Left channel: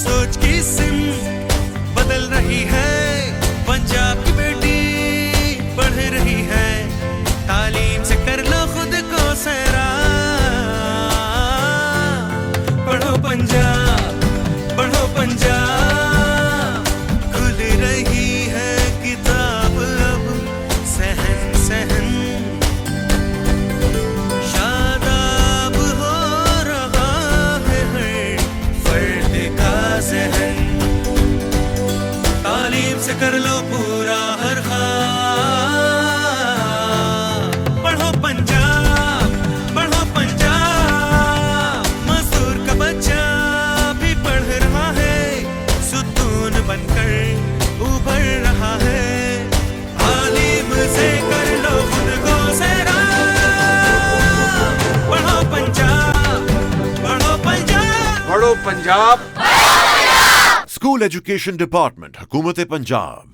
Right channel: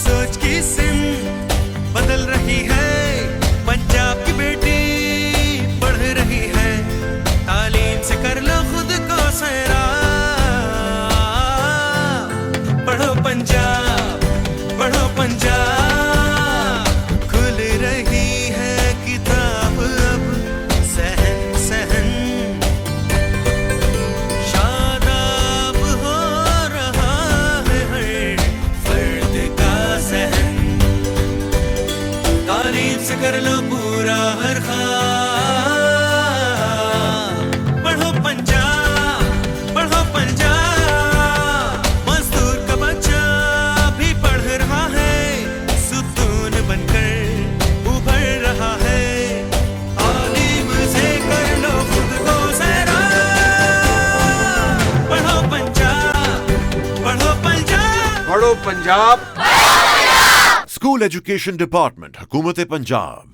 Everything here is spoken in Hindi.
सोच की सिम बदल रही है, पंजाब की बेटी बढ़ रही है, तालीम से कर लो खुद को सैराब। पढ़ो पंजाब, पढ़ो पंजाब, खुल रही है किताब अब सहन सहन, शादाब हो रहा है हर फर्द का ज़हन, तालीम से कर लो पूरा हर ख्वाब। पढ़ो पंजाब, पढ़ो पंजाब, मजदूर का बच्चा भी पढ़ रहा है, सुकून बनकर उभर रहा है, तालीम से कर लो खुद को सैराब। पढ़ो पंजाब, पढ़ो पंजाब। पढ़ो पंजाब। स्कूल एजुकेशन डिपार्टमेंट, हुकूमत पंजाब।